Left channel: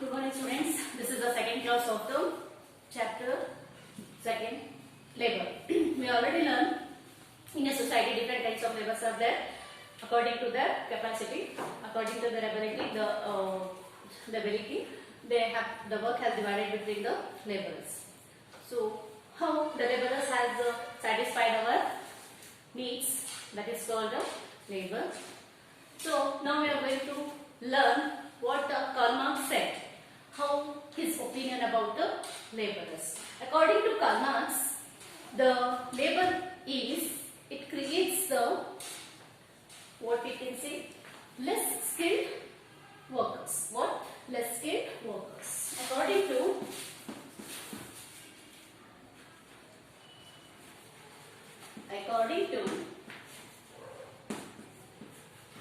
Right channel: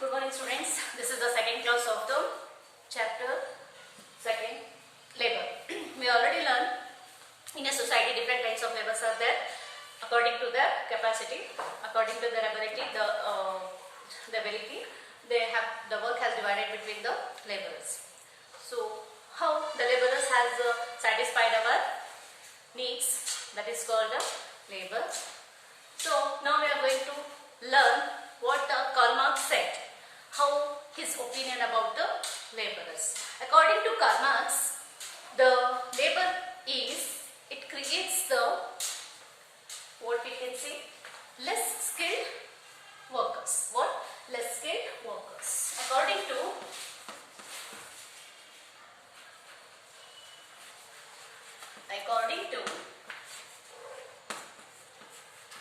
Good morning, students. This is the second class of the chapter second, labor. We already learned in a society different types of labors are there according to their capacity, according to their ability, the ability they have. The work has divided between the laborers. So how the laborers has satisfied our needs, that is called the labor. So now we are going to learn what Karl Marx said, how his opinion about the laborers. According to Karl Marx, the labor is, it creates the, what we can say, less skilled workers. What? Less skilled workers. According to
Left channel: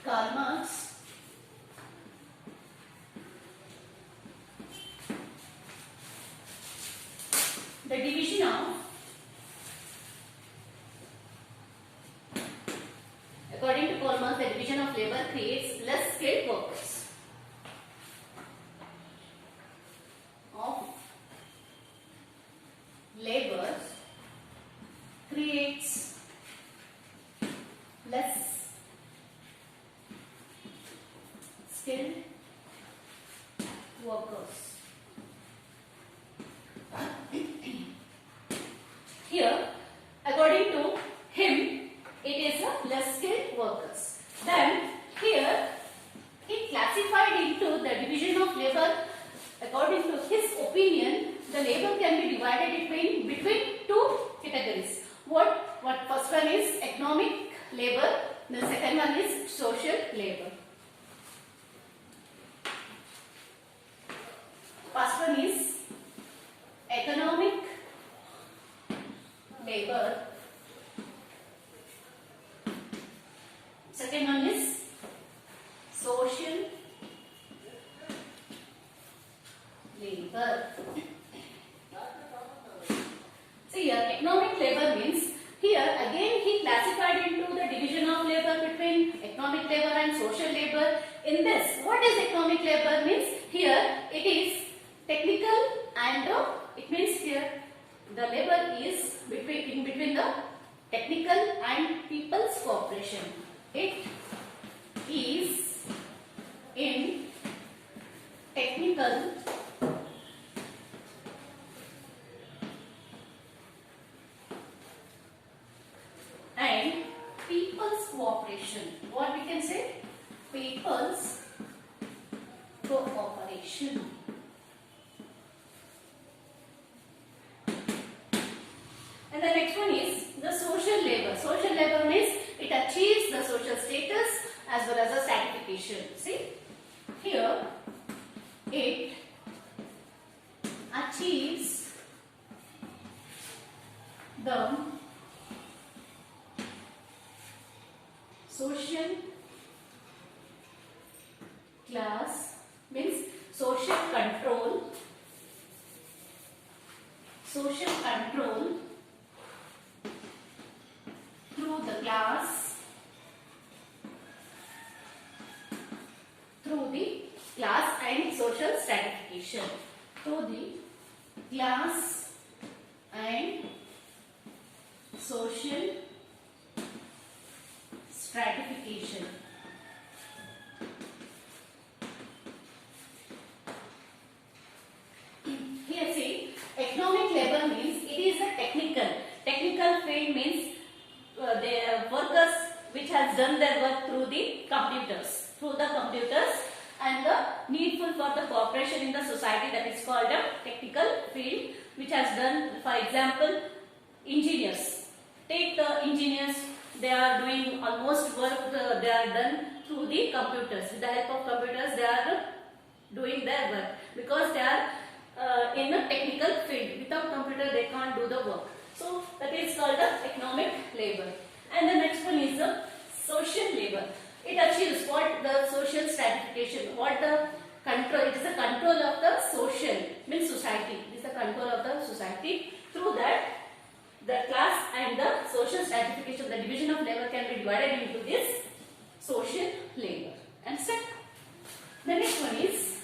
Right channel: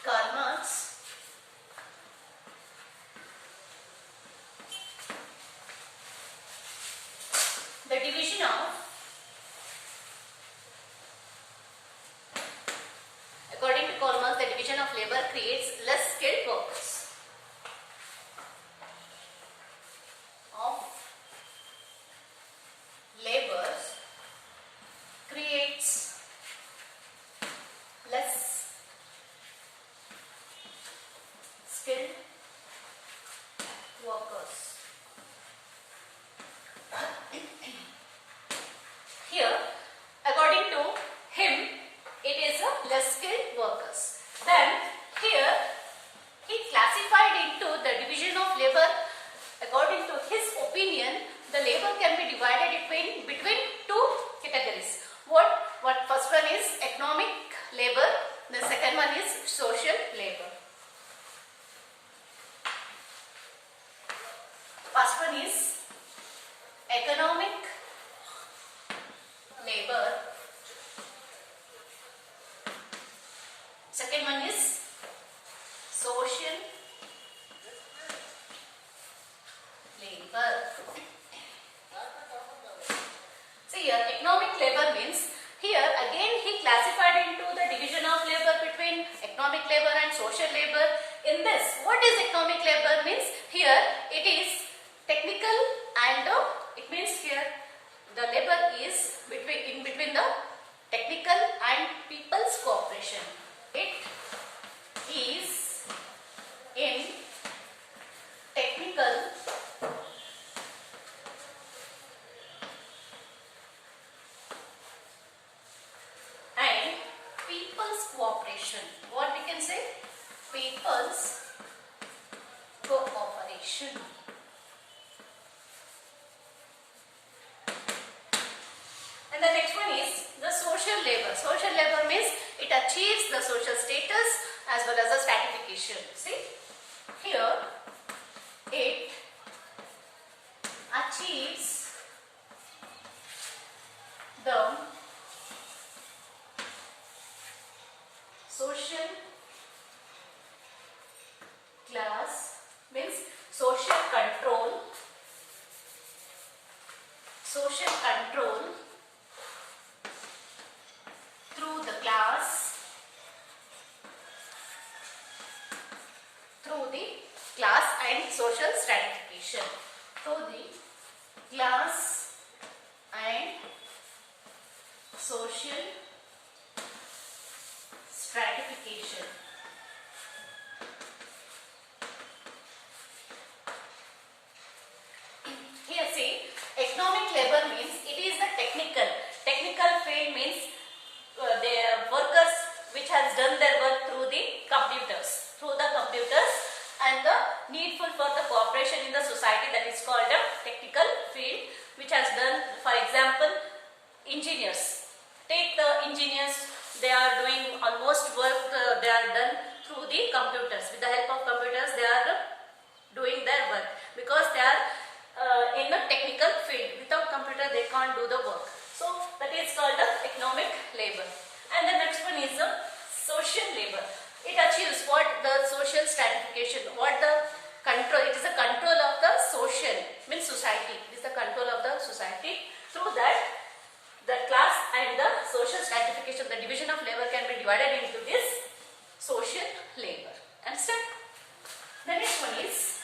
Karl Marx, the division of, according to Karl Marx, the division of labor creates less skilled workers. Of labor creates less skilled workers. Here, according to him, it is a less skilled workers. Then here he classified into the division of labor. According to his opinion, the labor can be divided between two categories. What first one is economic labor, the second one is social labor. First one is economic labor. Second one is social labor. See here, economic labor means, here again he classified into the division of labor between economic labor and social labor. In this, what is economic labor means? Here it is technical and it means here the labor is in between the technical and people's cooperation. It is in technical and people's cooperation. What we can say? People's cooperation. And the next one is the social labor. Social labor means it achieves the social status as well as the stratification. See, here it achieves the social class, means social control through the class, and social stratification, through the class and social stratification. Here see, economic labor means it is the technical field, means they are workers which has done their work through the computers and the needful for the cooperation in the society, that is called a technical field, which has done, for example, engineers. Take the engineers, they are doing almost work, they are done through the computers. With the help of computers, they are doing their work because they are in a technical field. Without computer, they can't do the work. So that is called the economic labor. And the next one is the social labor. It achieves what? The social stratification. What the control? It is the control of the social, means society. It is the control of the society. Through that, the class and the social stratification, the division of labor can be divided into this social labor. Understand? The next one is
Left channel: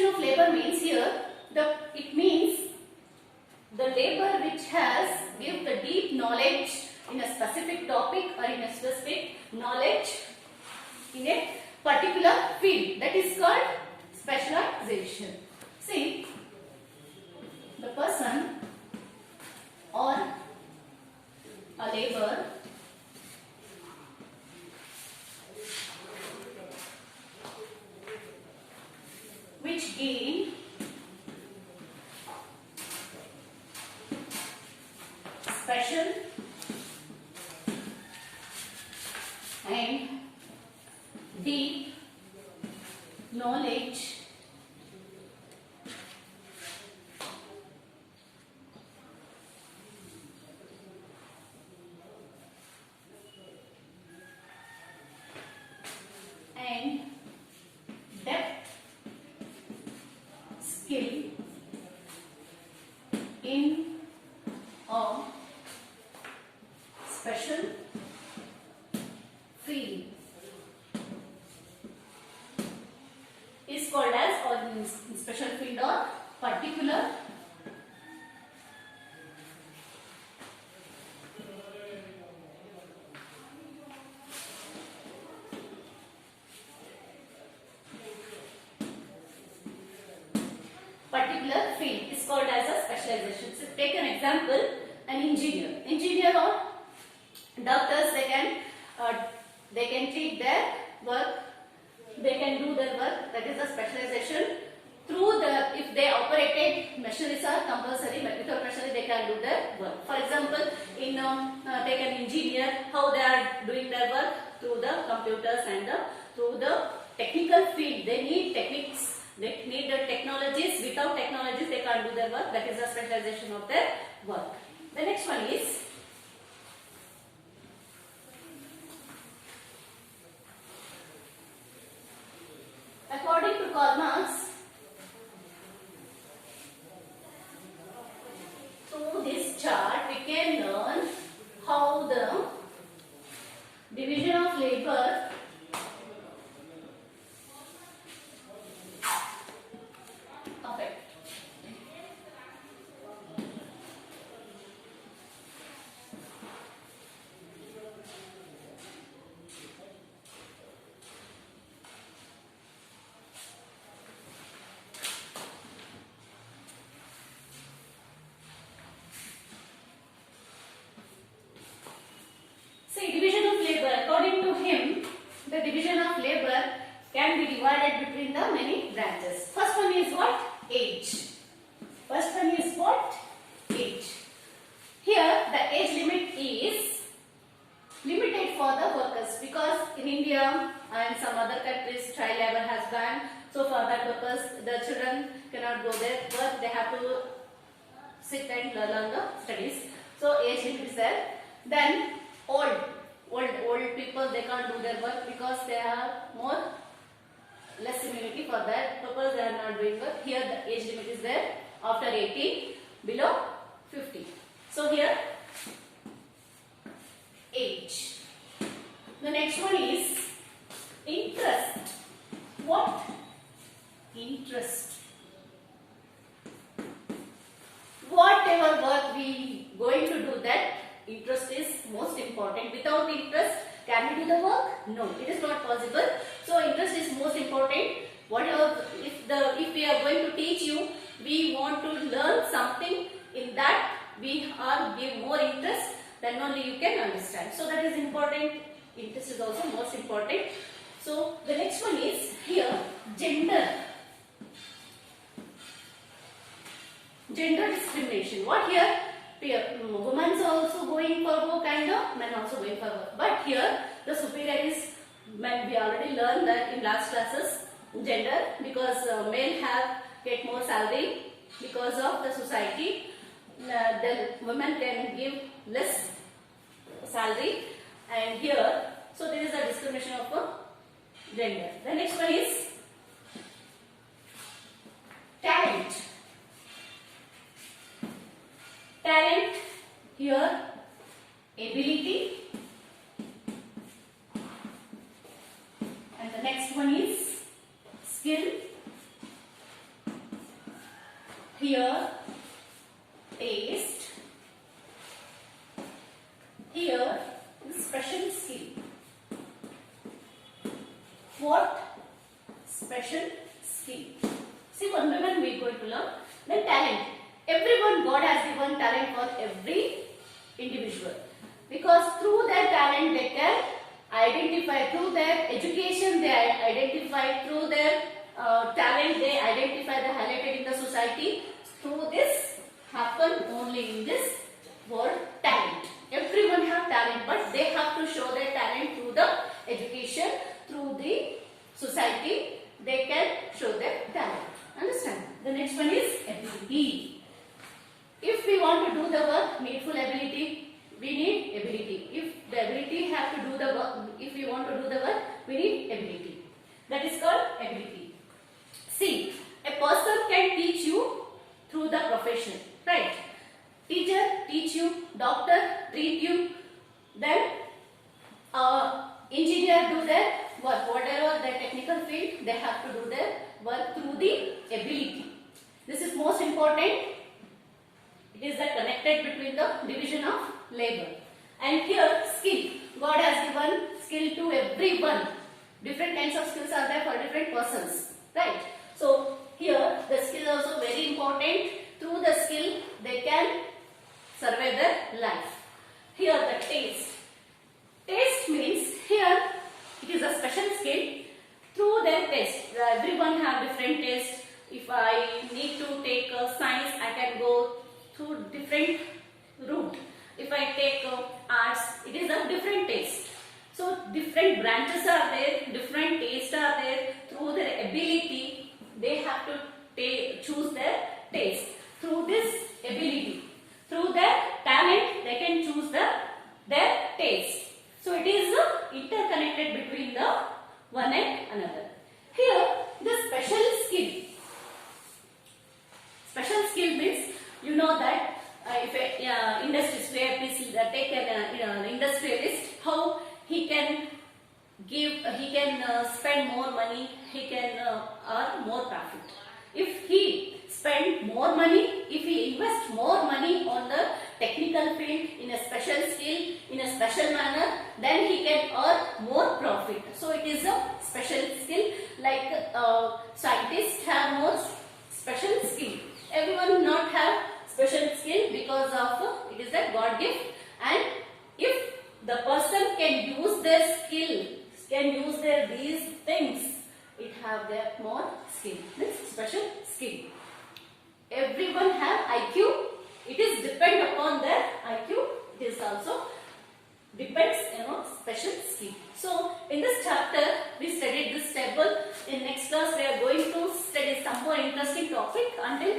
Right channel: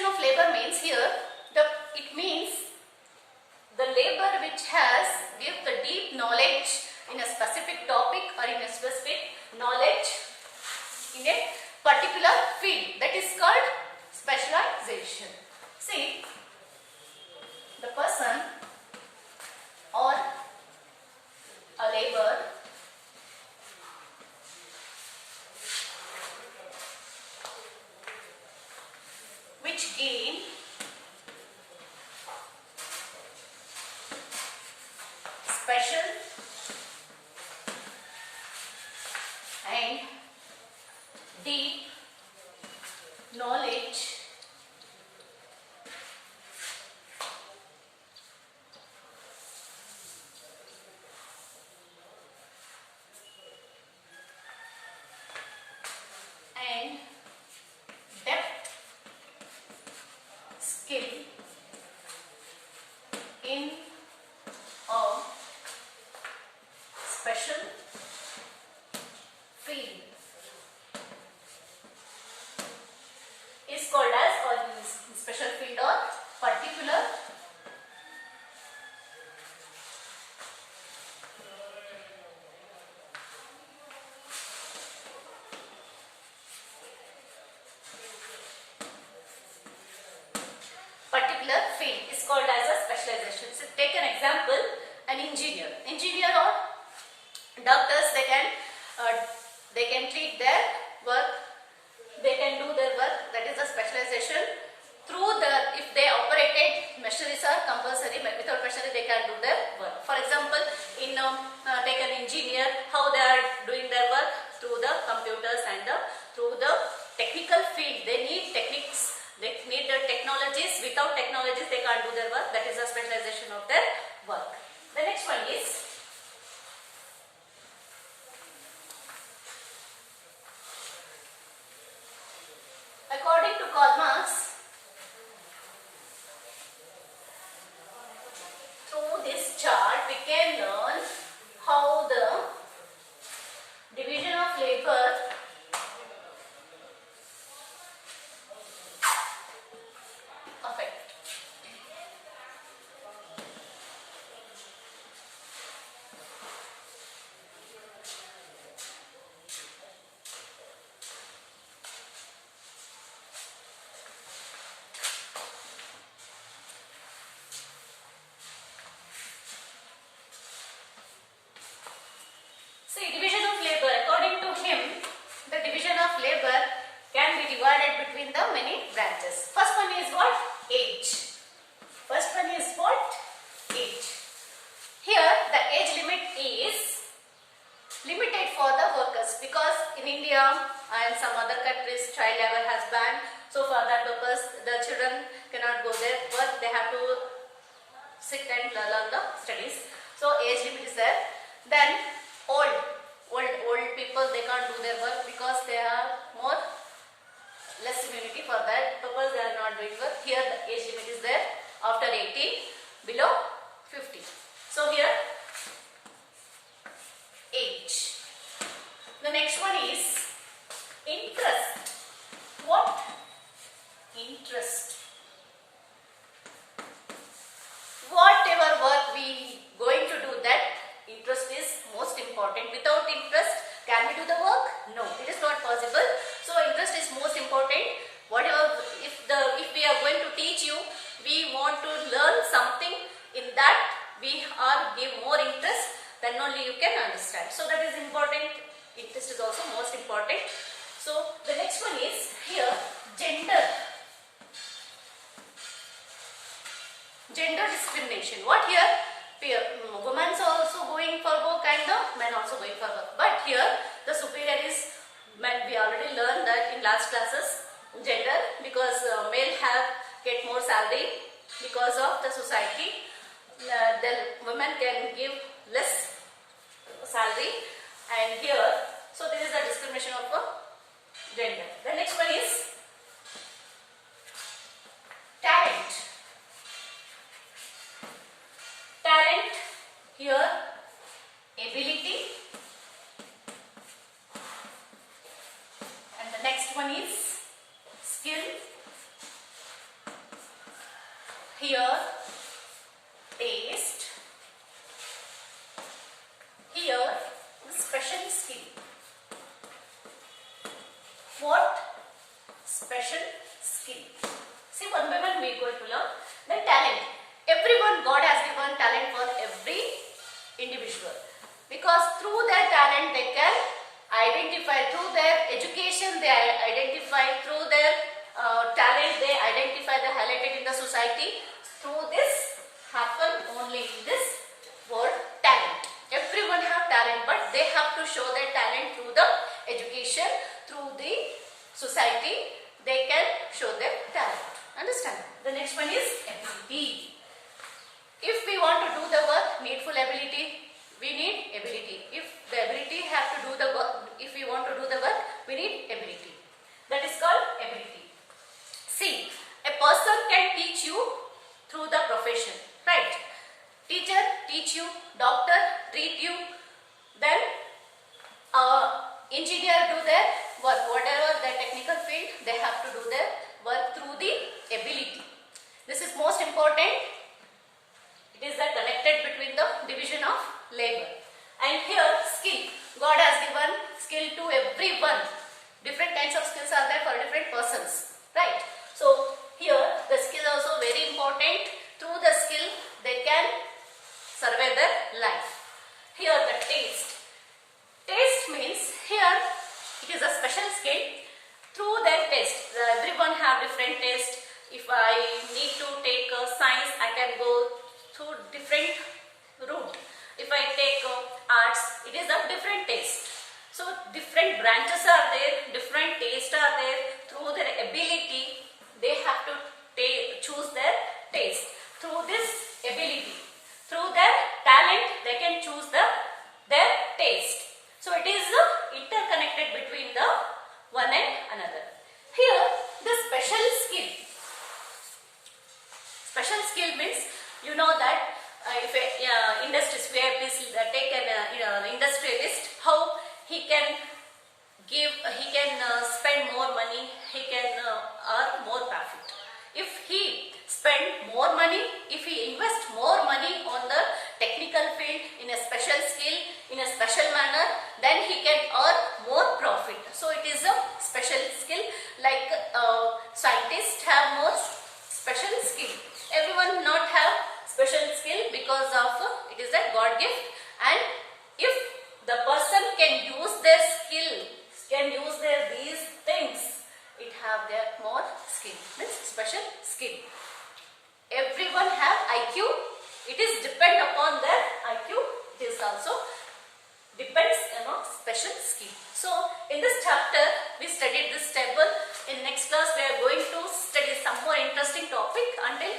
division of labor means here it means the labor which has give the deep knowledge in a specific topic or in a specific knowledge in a particular field, that is called specialization. See, the person or a labor which gain special and deep knowledge and depth skill in a special field is called as, or special field or particular field is called as a specialization. So take an example, an engineer or doctors, they can treat their work, they can do their work, that is a specialization. Through if they operated machineries are compulsory, but without machinery they can do their work. For example, in take an engineer, how they are doing their work through the computers and through the technical field. They need techniques, they need the technologies. Without technologies they can't do their work. That is a specialization of their work. The next one is according to Karl Marx, through this chart we can learn how the division of labor affect. See, division of labor, according to him, the division of labor can be divided between the many branches. First one is what? Age. First one is what? Age. Here the age limit is limited for the workers, because in India and some other countries child labor has banned. So for that purpose the children cannot go there, but they have to sit and learn the studies. So age limit is there. Then old people, they can't do their work because they have less immunity. For that purpose they are not doing work. Here the age limit is there, after 80, below 50. So here age. The next one is interest. What? Interest. Whatever work we going to do, that interest is most important. Without interest, can we do the work? No, it is not possible. So interest is most important. Whatever, if we are going to teach you, we want to learn something, in that we are give more interest, then only you can understand. So that is important. Interest is also most important. So the next one is here gender. Gender discrimination. What here? Women are also going for work and the men also going for work. But here the superior is men. We already learned that in last classes, gender, because male get more salary because of the society. The women can give less salary, and here, so there is a discrimination of gender. The next one is talent. Talent, here ability, and the next one is skill here taste, here special skill. What? Special skill. See, one by one we are going to learn. Then talent. Everyone, God has given talent for every individual, because through their talent they can identify, through their education they identify, through their talent they identify, they highlighted in the society. Through this happen only in this word talent. Everyone have talent, but they have to show their talent through the education, through the society. They can show their talent. Understand? The next one is ability. If we want to do the work, needful ability, we need ability. If the ability have to do the work, if we want to do the work, we need ability. That is called ability. See, a person can teach you through the profession, right? Teacher teach you, doctor treat you, then engineer do their work, whatever the technical field, they have to do their work through the ability. This is most important. It is the connected between the division of labor. And here skill. God has given skill to everyone. Different kinds of skills are there for different persons, right? So here the skill is also very important. Through the skill they can survey their life. Here the taste. Taste means here it is a special skill. Through their taste, everyone have different taste. If I need to take science, I can go through different route. If I take arts, it is a different taste. So different branches are there, different tastes are there. Through their ability, they have to choose their taste. Through this ability, through their talent, they can choose their taste. So it is interconnected between the one and another. Here the special skill. Special skill means, you know that if a industrialist, please take an industrialist, how he can give, he can spend more money, he can earn more profit. If he spend more money, if he invest more money on the technical field, in a special skill, in a special manner, then he can earn more profit. So it is a special skill. Like scientists have more special skill. Everyone not have special skill because of it is a God gift. And if the person can use their skill, can use their these things, it have their more skill, means special skill. Everyone have IQ. It is depend upon their IQ. It is also depends on special skill. So in this chapter we studied this table. In next class we are going to study some more interesting topic. Until